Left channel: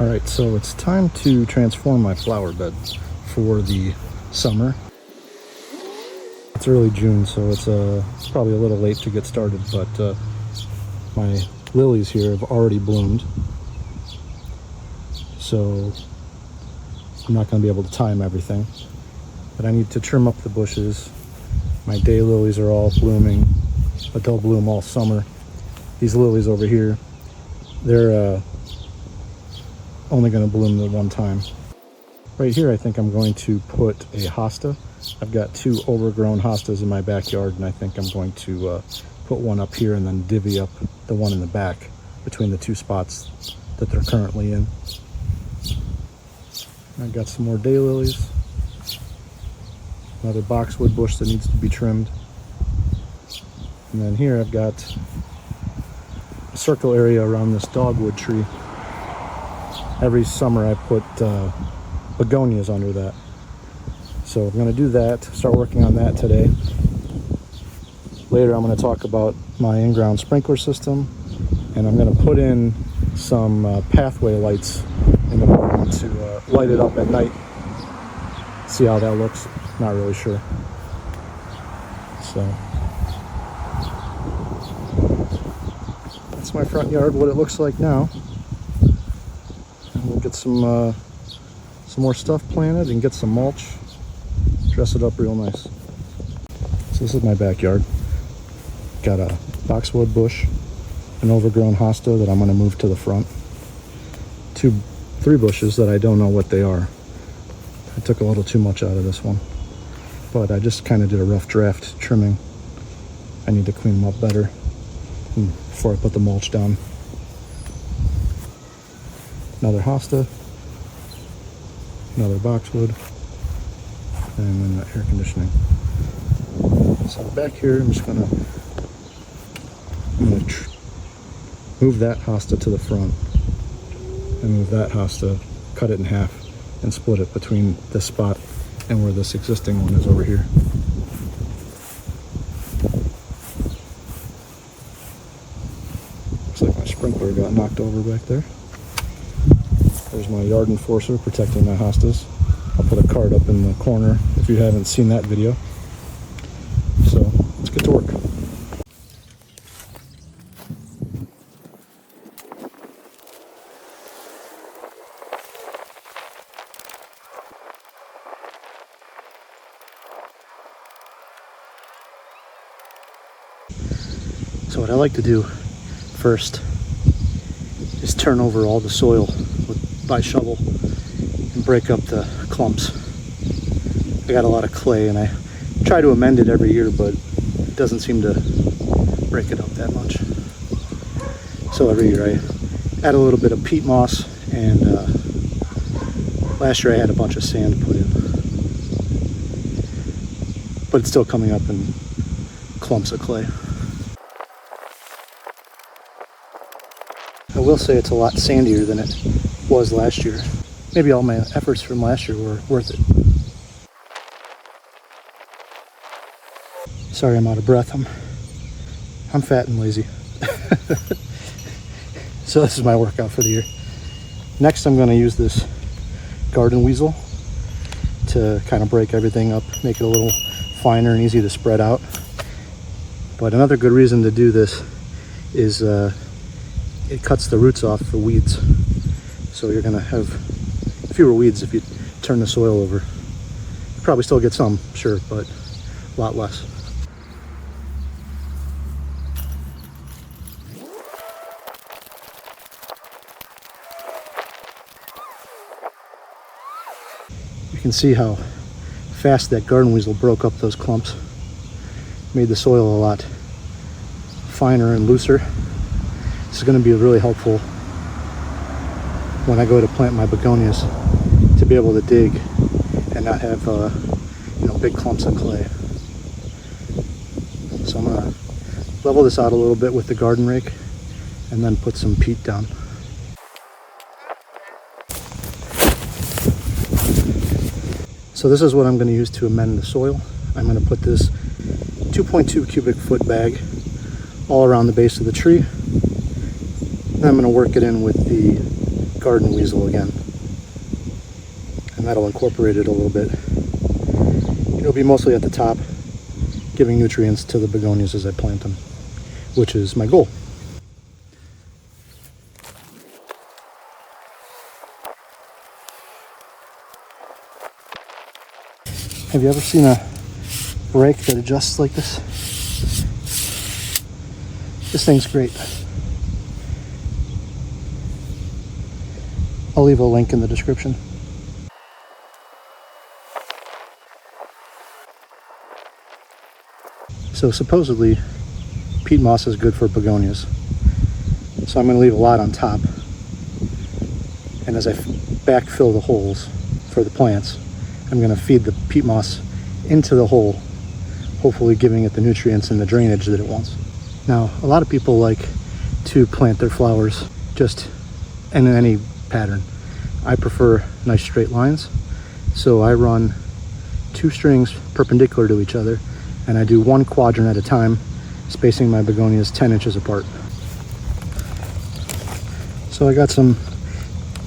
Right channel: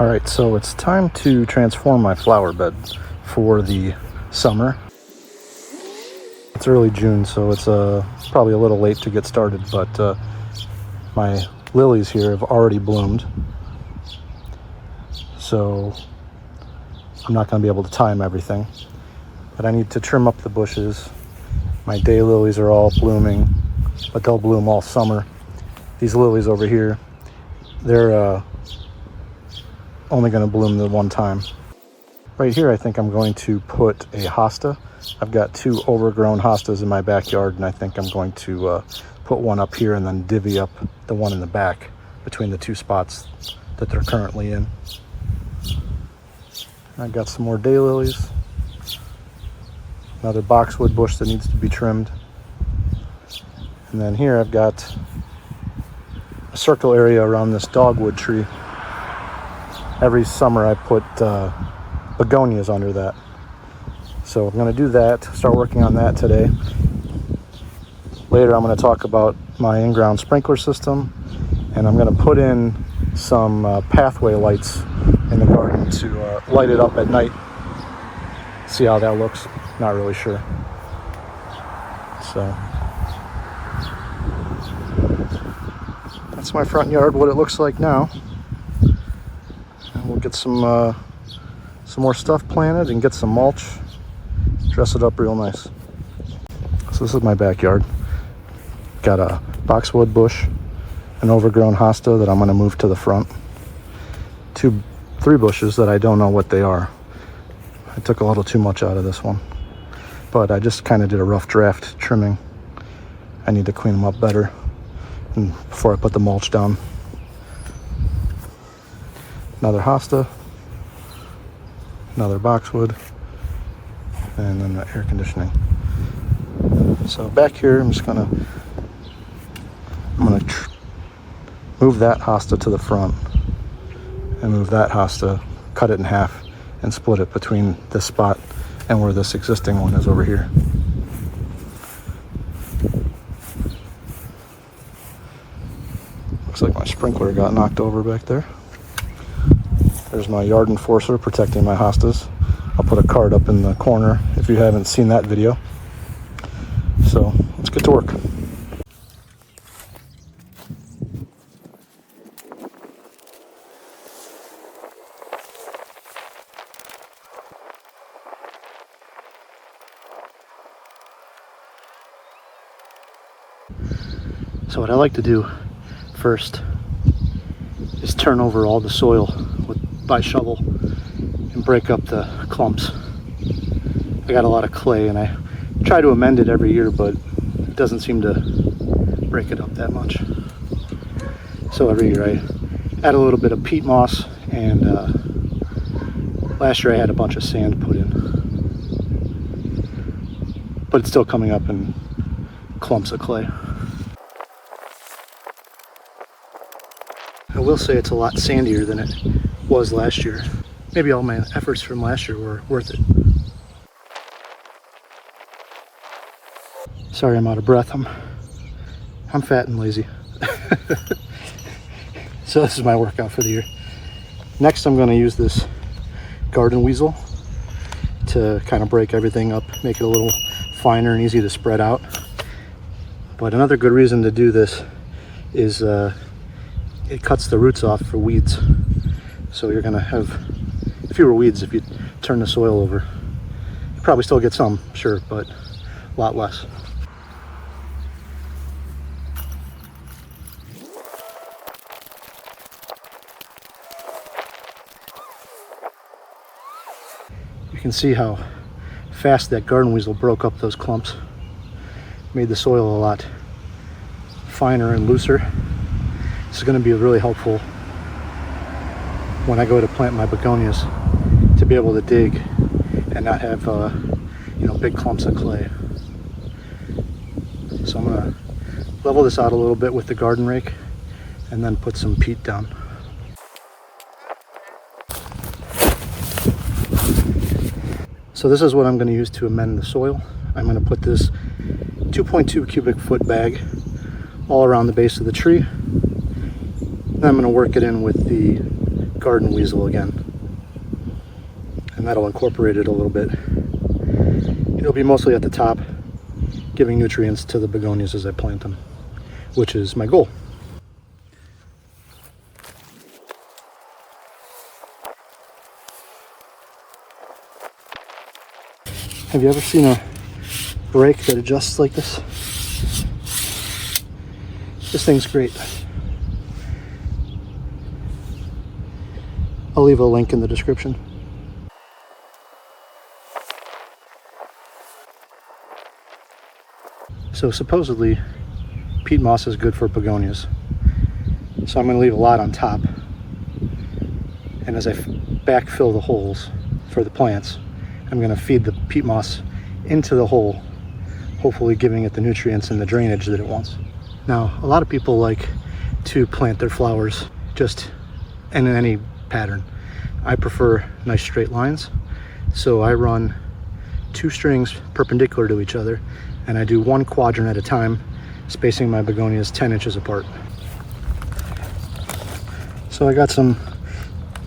Alright, so it's time to transform my flower bed for the summer. It's early June, so it's probably a little late to get started, but my lilies here have already bloomed. So I'm not going to be able to time everything, but I need to trim up the bushes. My daylilies are all blooming, but they'll bloom all summer. These lilies over here, they're only going to bloom the one time. Right here, I think I'm going to put a hosta. I've got two overgrown hostas in my backyard, and I think I'm going to put one up here and then divvy up the one in the back between the two spots that they're currently in. And I've got some more daylilies. Another boxwood bush that needs to be trimmed. And then here I've got a circle area around this dogwood tree. Every summer I put begonias under that. So I'm going to do that, start working on that today. Later I'm going to talk about my in-ground sprinkler system, and I'm going to put in some pathway lights in the garden to light it up at night. See how that looks. Not really sure. So that's my front yard, what it looks like now. And we'll get some more stuff planted and get some mulch, dress it up real nice. So this is my backyard. Got a boxwood bush, an overgrown hosta that I'm going to move to the front. Three bushes that I don't know what they are. I took a little too much out of this one, but I just kind of did a rough draft trimming. I need to clean them up better before I put the mulch down. Another hosta, another boxwood, and then the air conditioning. So back here, I'm gonna move that hosta to the front and move that hosta, cut it in half and split it between this spot and where this existing one is over here. Looks like my sprinkler got knocked over back there. There's my yard enforcer protecting my hostas. I'll put a card up in the corner if you haven't seen that video. So let's get to work. So what I like to do first is turn over all the soil by shovel and break up the clumps. I got a lot of clay and I try to amend it every year, but it doesn't seem to break it up that much. So every year I add a little bit of peat moss, and last year I had a bunch of sand put in, but it's still coming up in clumps of clay. I will say it's a lot sandier than it was last year. Maybe all my efforts from last year were worth it. Sorry I'm out of breath. I'm fat and lazy. So this is my workout for the year. Next I'm going to use this garden weasel to kind of break everything up, make it a little finer and easy to spread out. But another good reason to do this is it cuts the roots off for weeds. So you're going to have fewer weeds if you turn the soil over. You probably still get some, sure, but a lot less. You can see how fast that garden weasel broke up those clumps. Made the soil a lot finer and looser. This is going to be really helpful when I go to plant my begonias, to be able to dig and not have big clumps of clay. So I'm going to level this out a little bit with the garden rake and then put some peat down. So this is what I'm going to use to amend the soil. I'm going to put this 2.2 cubic foot bag all around the base of the tree. Then I'm going to work it in with the garden weasel again. And that'll incorporate it a little bit. It'll be mostly at the top, giving nutrients to the begonias as I plant them, which is my goal. Have you ever seen a rake that adjusts like this? This thing's great. I'll leave a link in the description. So supposedly, peat moss is good for begonias. So I'm going to leave a lot on top. And as I backfill the holes for the plants, I'm going to feed the peat moss into the hole, hopefully giving it the nutrients and the drainage that it wants. Now, a lot of people like to plant their flowers just in any pattern. I prefer nice straight lines, so I run 2 strings perpendicular to each other, and I do 1 quadrant at a time, spacing my begonias 10 inches apart. So I got some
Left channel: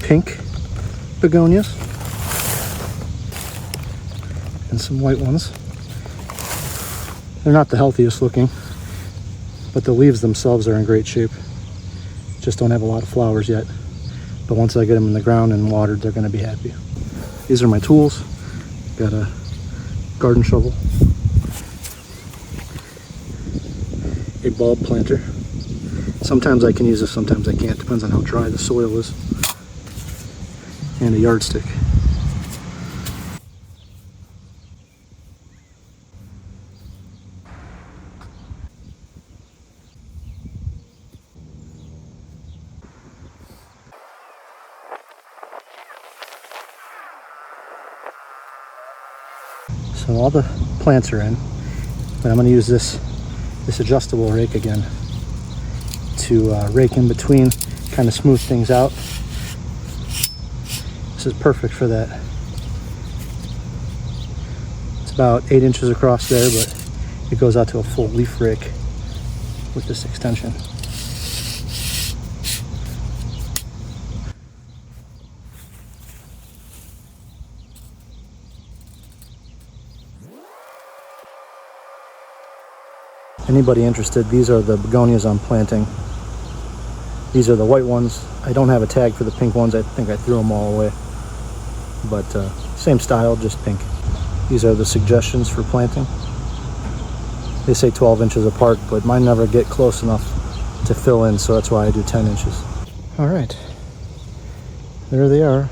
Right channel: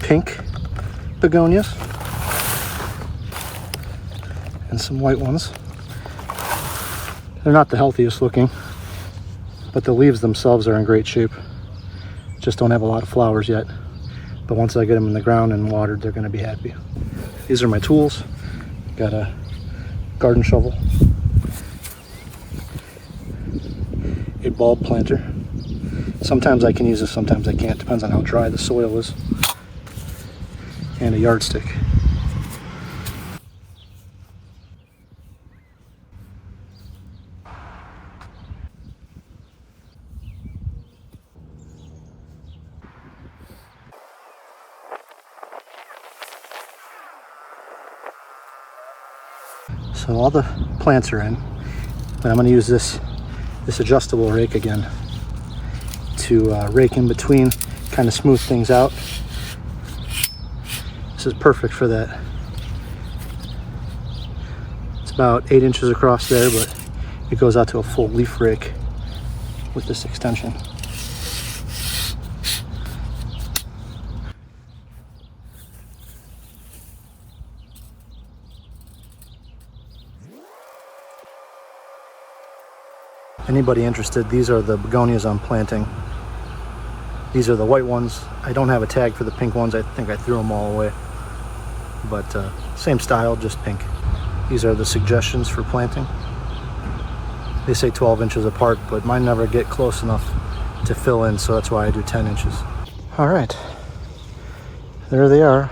pink begonias and some white ones. They're not the healthiest looking, but the leaves themselves are in great shape. Just don't have a lot of flowers yet. But once I get them in the ground and watered, they're going to be happy. These are my tools. Got a garden shovel, a bulb planter. Sometimes I can use this, sometimes I can't. Depends on how dry the soil is. And a yardstick. So all the plants are in, but I'm going to use this adjustable rake again to rake in between, kind of smooth things out. This is perfect for that. It's about 8 inches across there, but it goes out to a full leaf rake with this extension. Anybody interested, these are the begonias I'm planting. These are the white ones. I don't have a tag for the pink ones. I think I threw them all away. But same style, just pink. These are the suggestions for planting. They say 12 inches apart, but mine never get close enough to fill in, so that's why I do 10 inches. All right, there they are.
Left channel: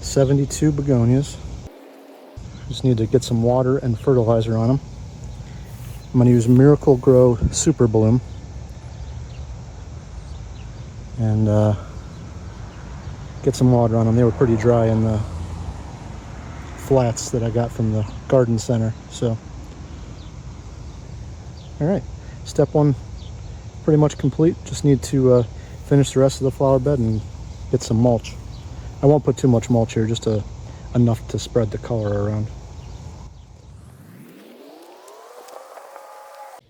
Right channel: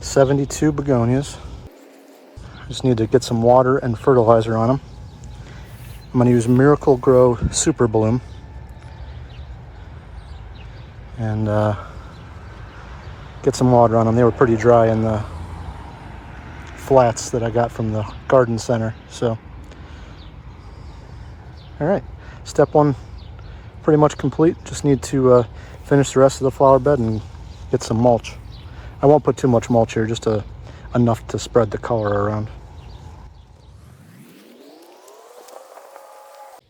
72 begonias. Just need to get some water and fertilizer on them. I'm going to use Miracle Grow Super Bloom and get some water on them. They were pretty dry in the flats that I got from the garden center. So, all right, step 1 pretty much complete. Just need to finish the rest of the flower bed and get some mulch. I won't put too much mulch here, just enough to spread the color around.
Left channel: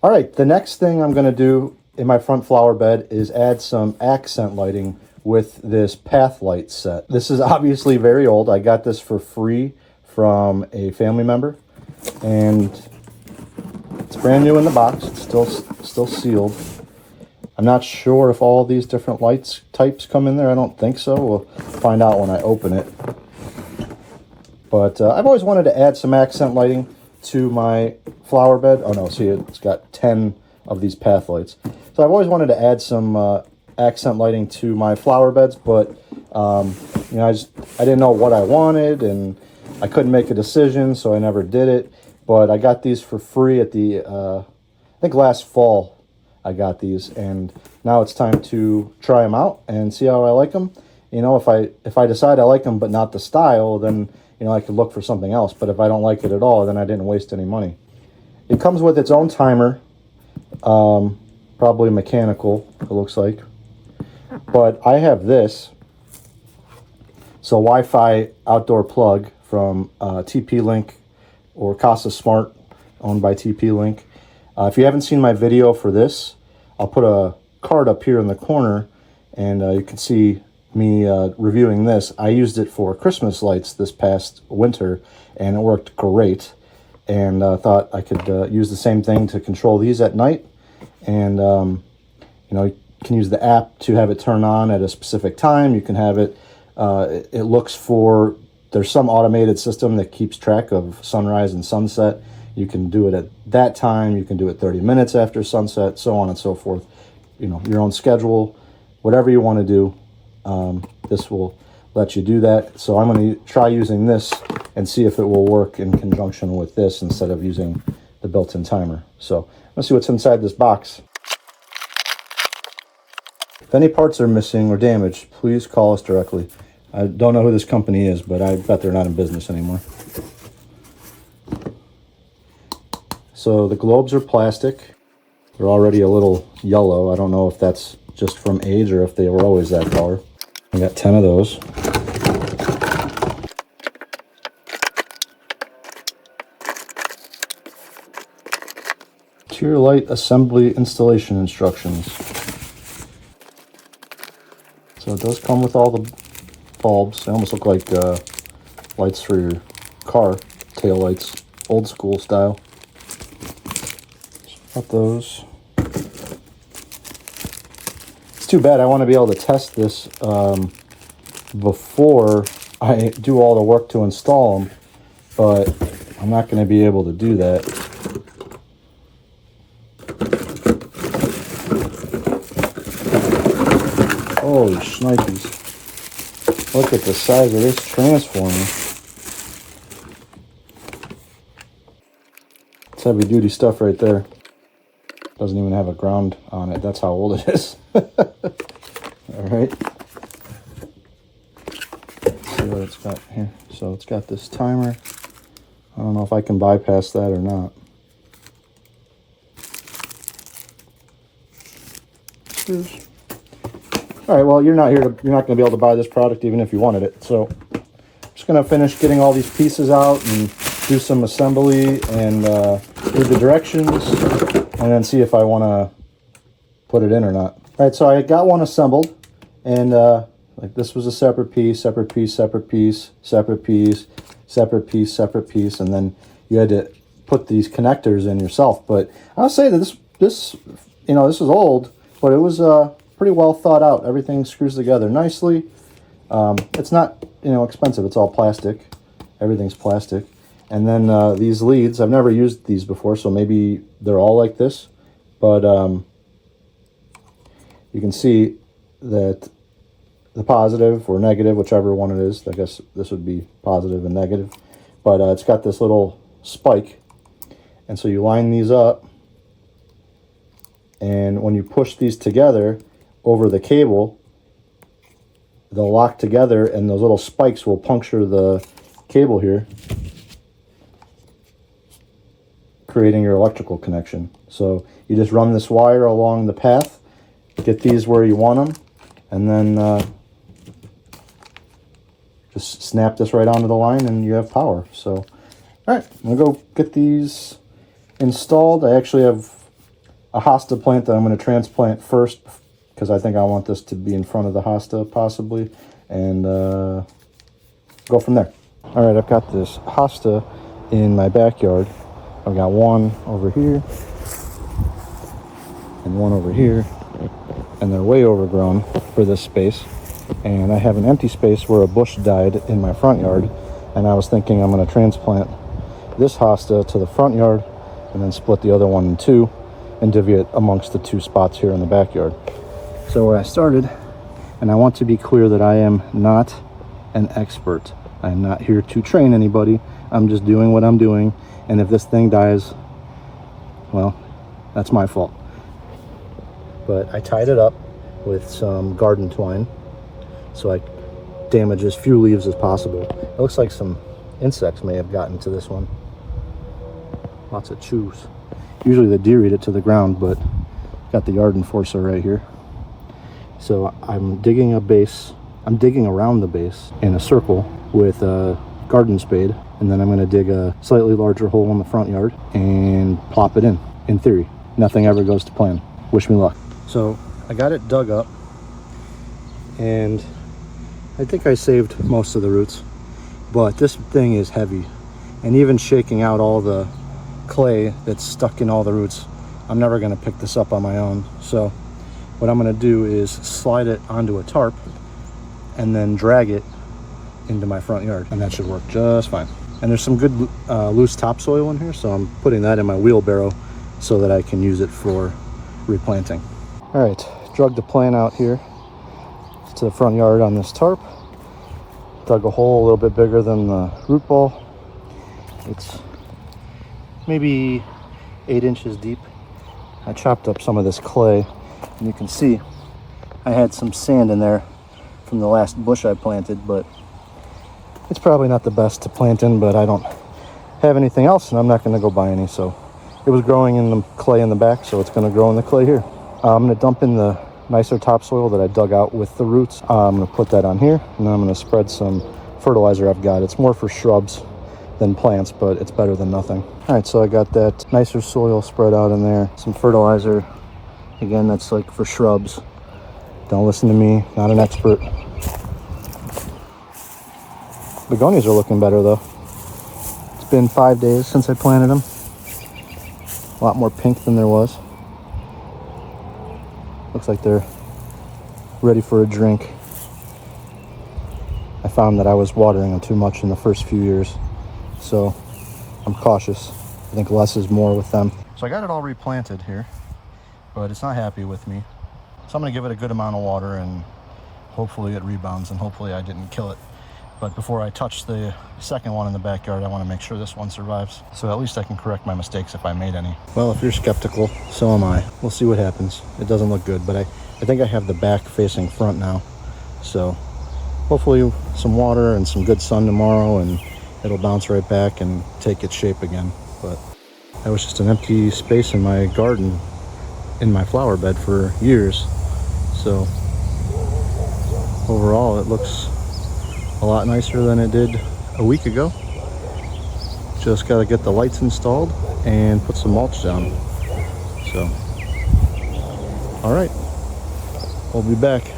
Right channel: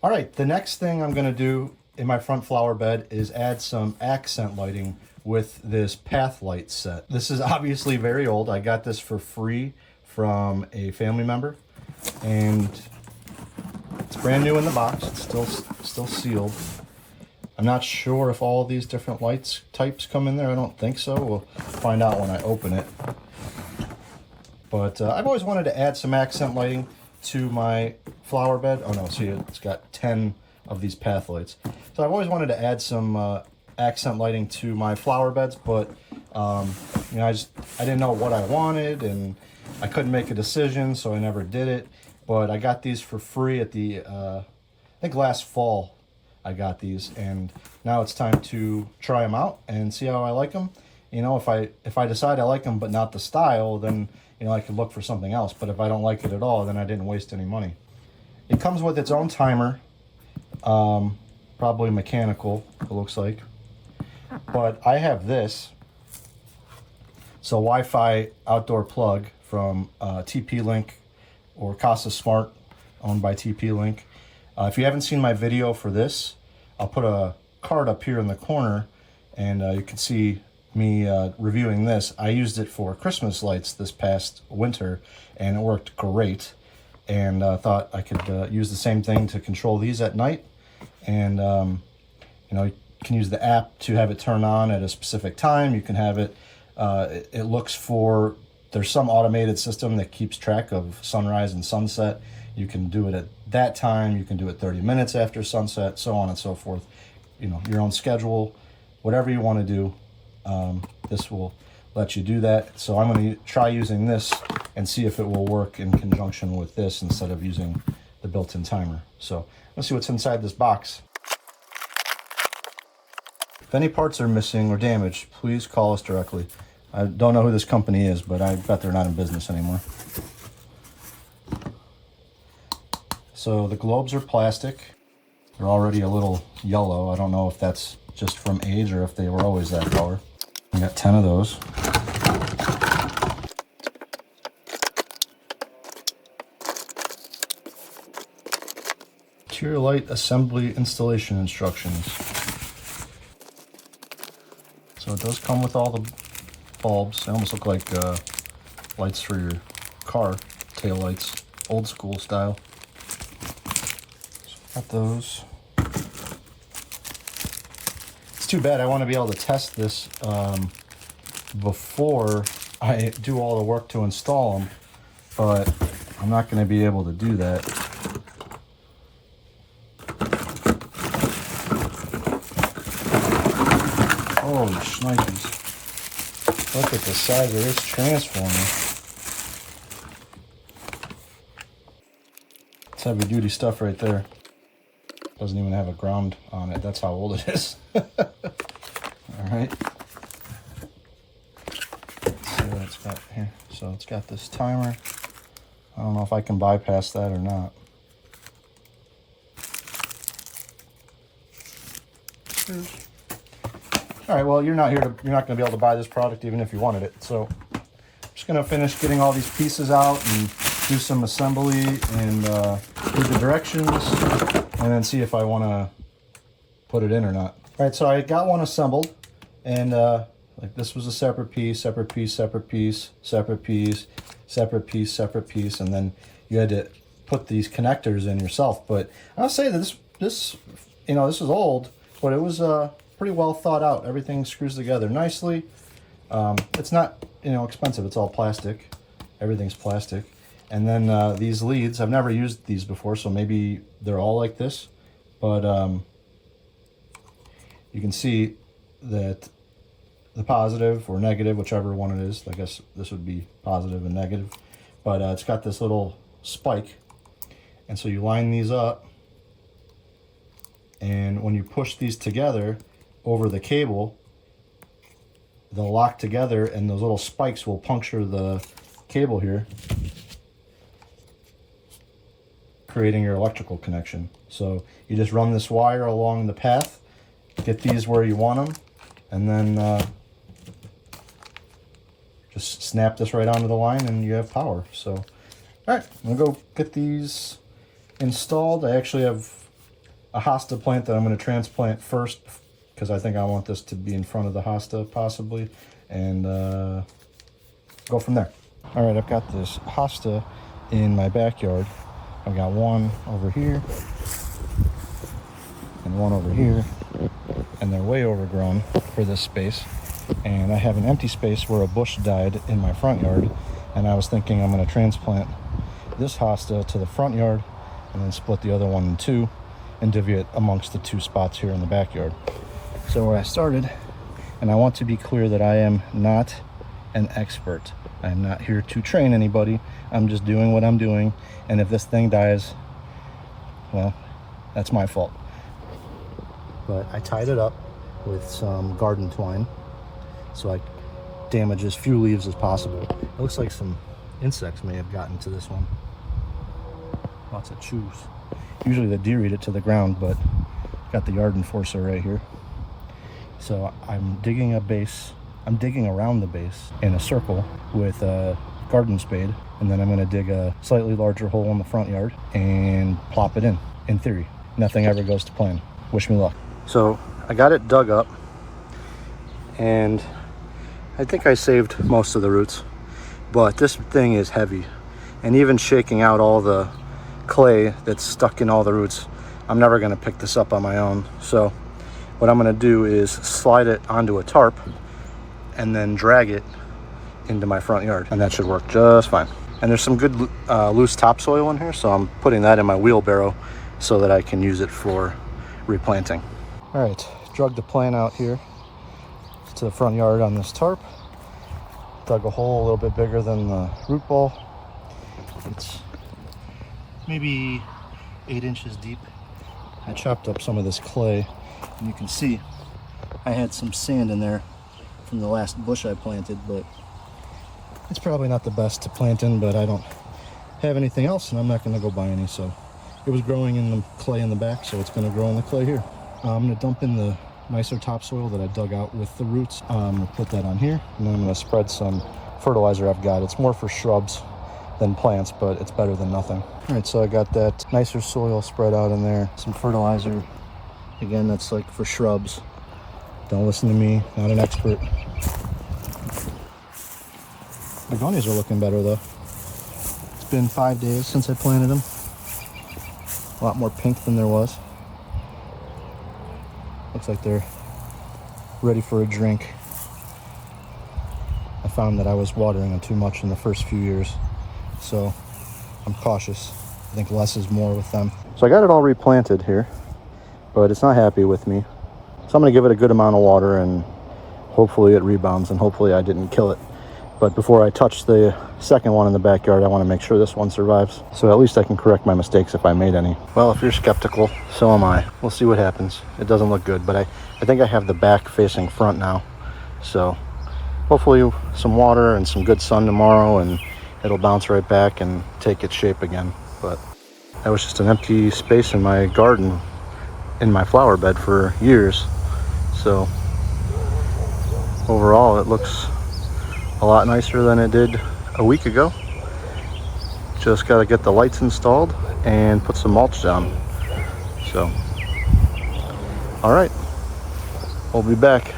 All right, the next thing I'm gonna do in my front flower bed is add some accent lighting with this path light set. This is obviously very old. I got this for free from a family member, and it's brand new in the box. It's still sealed. I'm not sure if all these different lights types come in there. I don't think so. We'll find out when I open it. But I've always wanted to add some accent lighting to my flower bed. Oh no, see, it's got 10 of these path lights. So I've always wanted to add some accent lighting to my flower beds, but you know, I didn't know what I wanted, and I couldn't make a decision, so I never did it. But I got these for free at the I think last fall I got these, and now it's time to try them out and see how I like them. You know, if I decide I like them but not the style, then you know, I could look for something else. But if I don't like it at all, then I didn't waste any money. It comes with its own timer, probably mechanical, it looks like. But I have this. It's a Wi-Fi outdoor plug from TP-Link or Casa Smart, owned by TP-Link. If you haven't seen my video for this, I'll put a card up here in the corner, and you can see me reviewing this, I used it for Christmas lights this past winter, and it worked great. And thought I could use the same thing to control these at night. And you know, you can use the app to have it turn on at a specific time. You can have it, it looks for, there's some automated system that keeps track of sunrise and sunset. You can do it at that time. You can do it 30 minutes after sunset, so on and so forth. You know, your own schedule, whatever you want to do. This will let you do that. So I'm going to try using this and see if it will work in conjunction with this instead of using the built-in timer. So let's see what's inside this box. If any parts are missing or damaged, please call us directly. I don't know who this company is, but I bet they're not in business anymore. So the globes are plastic. They're already a little yellow. I don't know if that's just from age or if they were always that color. I got 10 of those. Interior light assembly installation instructions. So it does come with all the bulbs. They almost look like lights for your car, tail lights, old school style. So got those. It's too bad. I want to be able to test this before I do all the work to install them, but I'm not going to be able to do that. Holy shnikes. Look at the size of this transformer. It's heavy duty stuff right there. Doesn't even have a ground on it. That's how old it is. Alright. See what it's got here. So it's got this timer. I don't know if I can bypass that or not. Alright, well, you're not going to be able to buy this product even if you wanted it. So I'm just going to finish getting all these pieces out and do some assembly and read the directions and then see if I want to put it in or not. Alright, so I got one assembled, and like this was a separate piece, separate piece, separate piece, separate piece, separate piece, separate piece, and then you had to put these connectors in yourself. But I'll say that this you know, this is old, but it was pretty well thought out. Everything screws together nicely. It's not, you know, expensive. It's all plastic. Everything's plastic. And then these leads, I've never used these before, so maybe they're all like this. But you can see that the positive or negative, whichever one it is, I guess this would be positive and negative. But it's got this little spike. And so you line these up. And when you push these together over the cable, they'll lock together and those little spikes will puncture the cable here, creating your electrical connection. So you just run this wire along the path, get these where you want them, and then just snap this right onto the line and you have power. So, all right, I'm gonna go get these installed. I actually have a Hosta plant that I'm going to transplant first because I think I want this to be in front of the Hosta possibly, and go from there. All right, I've got this Hosta in my backyard. I've got one over here and one over here, and they're way overgrown for this space. And I have an empty space where a bush died in my front yard, and I was thinking I'm going to transplant this Hosta to the front yard and then split the other one in two and divvy it amongst the two spots here in the backyard. So where I started, and I want to be clear that I am not an expert. I am not here to train anybody. I'm just doing what I'm doing, and if this thing dies, well, that's my fault. But I tied it up with some garden twine so I damage as few leaves as possible. It looks like some insects may have gotten to this one. Lots of chews. Usually the deer eat it to the ground, but got the yard enforcer right here. So I'm digging a base. I'm digging around the base in a circle with a garden spade, and then I'm going to dig a slightly larger hole in the front yard and plop it in theory. Nothing ever goes to plan. Wish me luck. So I got it dug up, and I think I saved most of the roots, but this thing is heavy. And even shaking out all the clay that's stuck in all the roots, I'm never gonna pick this up on my own. So what I'm gonna do is slide it onto a tarp and then drag it into my front yard, and that should work just fine. And there's some good loose topsoil in here, so I'm putting that in my wheelbarrow so that I can use it for replanting. All right, drug the plant out here to the front yard on this tarp. Dug a hole a little bit bigger than the root ball. It's maybe 8 inches deep. I chopped up some of this clay, and you can see I had some sand in there from the last bush I planted, but it's probably not the best to plant in, but I don't have anything else, and I'm not going to go buy any. So it was growing in the clay in the back, so it's going to grow in the clay here. I'm going to dump in the nicer topsoil that I dug out with the roots. I'm going to put that on here, and then I'm going to spread some fertilizer I've got. It's more for shrubs than plants, but it's better than nothing. All right, so I got that nicer soil spread out in there. Some fertilizer. Again, that's like for shrubs. Don't listen to me, not an expert. Begonias are looking better though. It's been 5 days since I planted them. A lot more pink than there was. Looks like they're ready for a drink. I found that I was watering them too much in the first few years, so I'm cautious. I think less is more with them. So I got it all replanted here, but it's not happy with me. So I'm gonna give it a good amount of water, and hopefully it rebounds, and hopefully I didn't kill it. But before I touch the second one in the backyard, I want to make sure this one survives. So at least I can correct my mistakes if I made any. Well, if you're skeptical, so am I. We'll see what happens. It doesn't look good, but I think I have the back facing front now. So hopefully some water and some good sun tomorrow, and it'll bounce right back and take its shape again. But that was just an empty space in my garden, in my flower bed for years. So overall, it looks a lot nicer than it did a week ago. Just got to get the lights installed and put some mulch down. So, all right, we'll be back.